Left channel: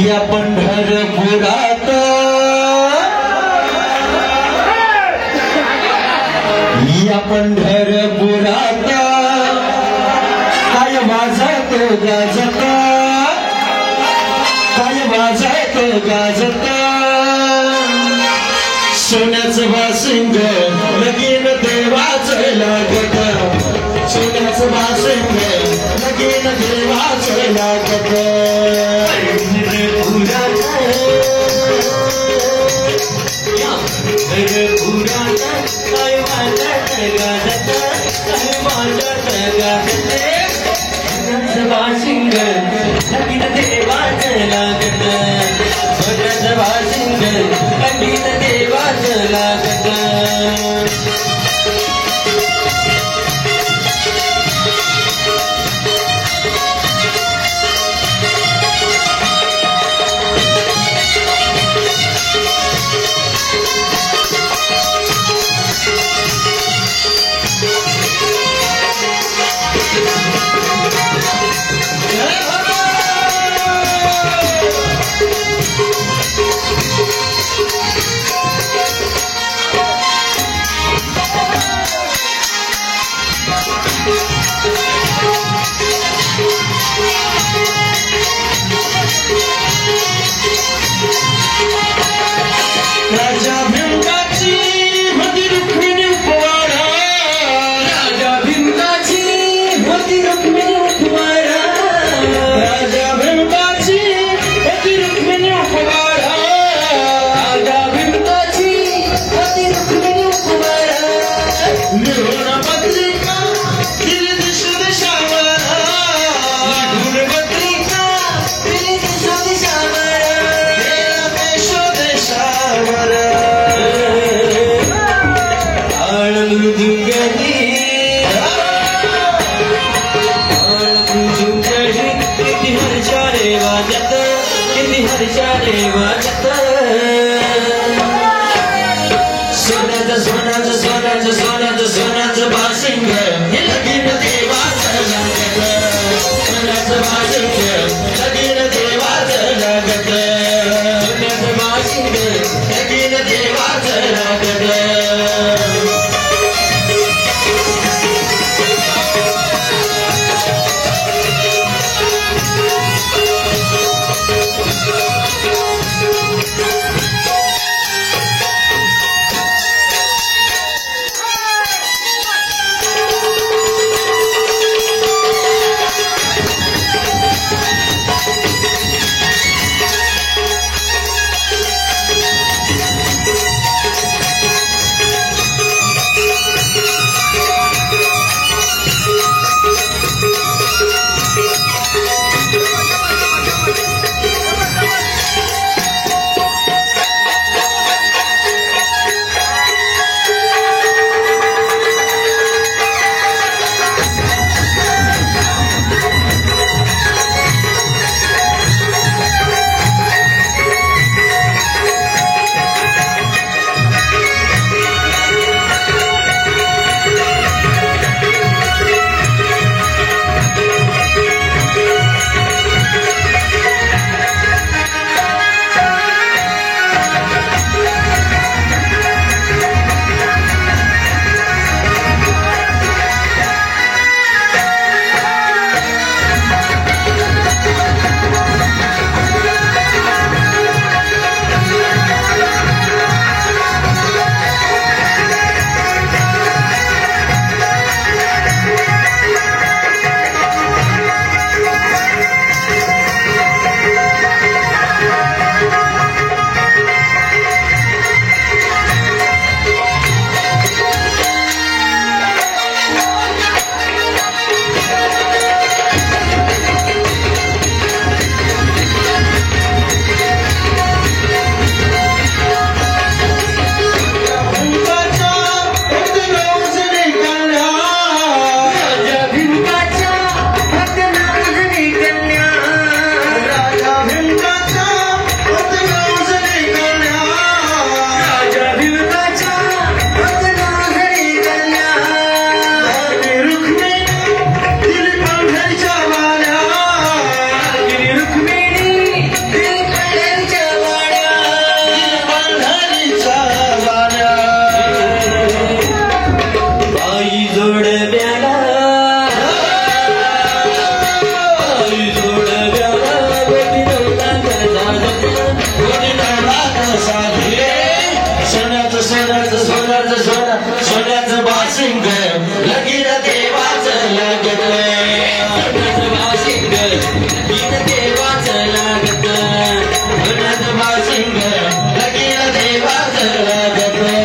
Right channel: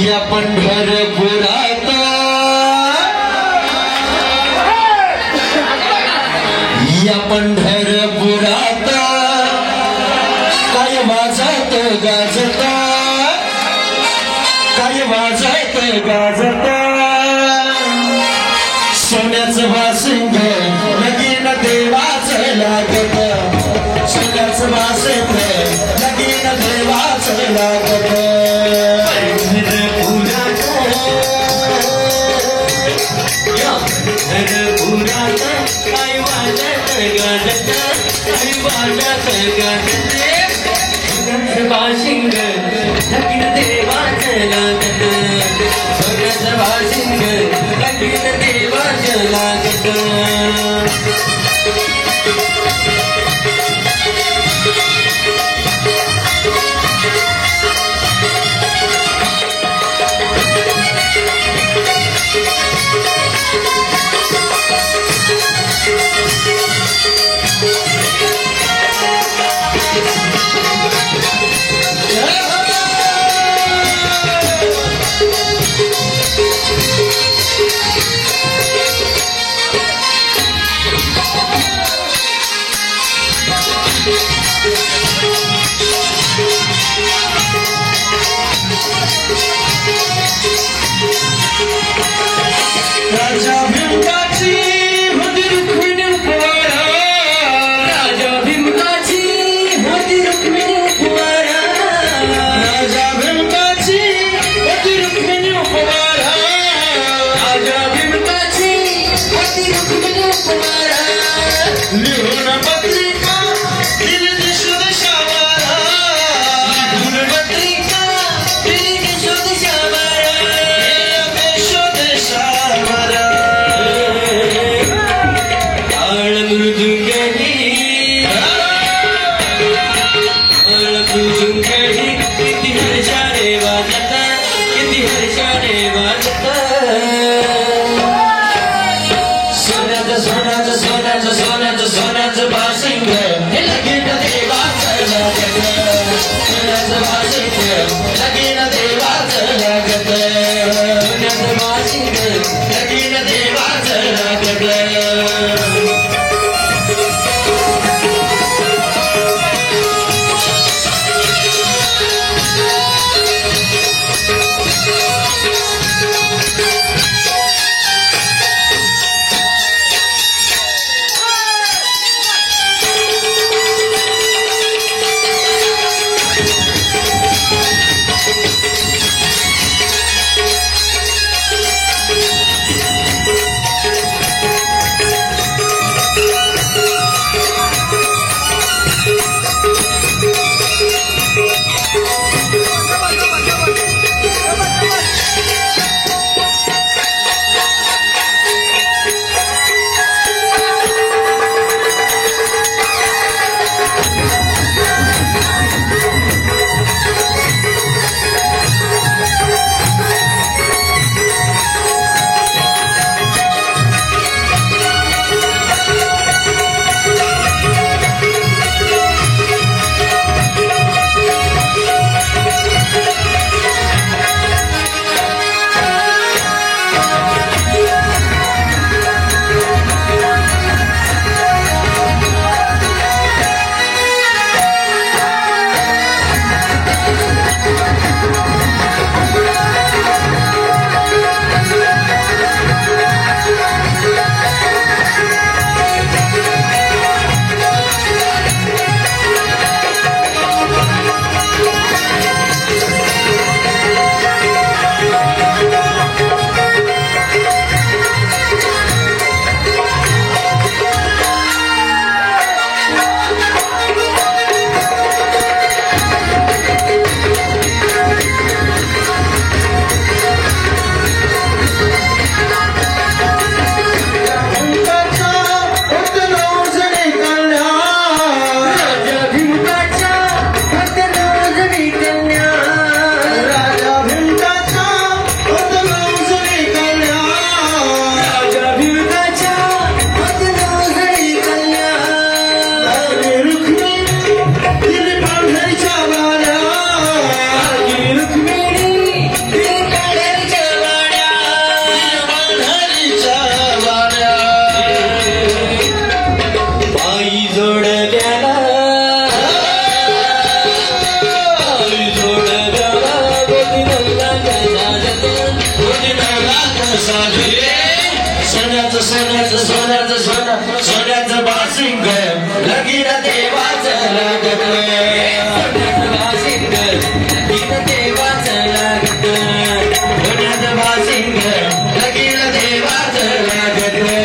या पंढरपुरात या पंढरपुरात काय वाजत गाजत काय वाजत गाजत सोन्याचं वासिंग लगीन देवाचं लागत सोन्याचं वासिंग लगीन देवाचं लागत वासिंग लगीन देवाचं लागत सोन्याचं वासिंग लगीन देवाचं लागत राजा भिंगाची होती रुक्मिणी उपवारा राजा भिंगाची होती रुक्मिणी उपवारा राजा भिंगाची होती रुक्मिणी उपवारा राजा भिंगाची होती रुक्मिणी उपवारा लिहून पत्रिका दिली दिशून शावारा लिहून पत्रिका दिली दिशून शावारा किती हर्षाने वाजत किती हर्षाने वाजत सोन्याचं सोन्याचं सोन्याचं सोन्याचं सोन्याचं वासिंग हे लगीन देवाचं लागत सोन्याचं वासिंग लगीन देवाचं लागत सोन्याचं वासिंग लगीन देवाचं लागत साजरे सोन्याचं सोन्याचं सोन्याचं सोनं सोन्याचं बाशिंग लगीन देवाचं लागलं सोन्याचं बाशिंग लगीन देवाचं लागलं सोन्याचं बाशिंग लगीन देवाचं लागलं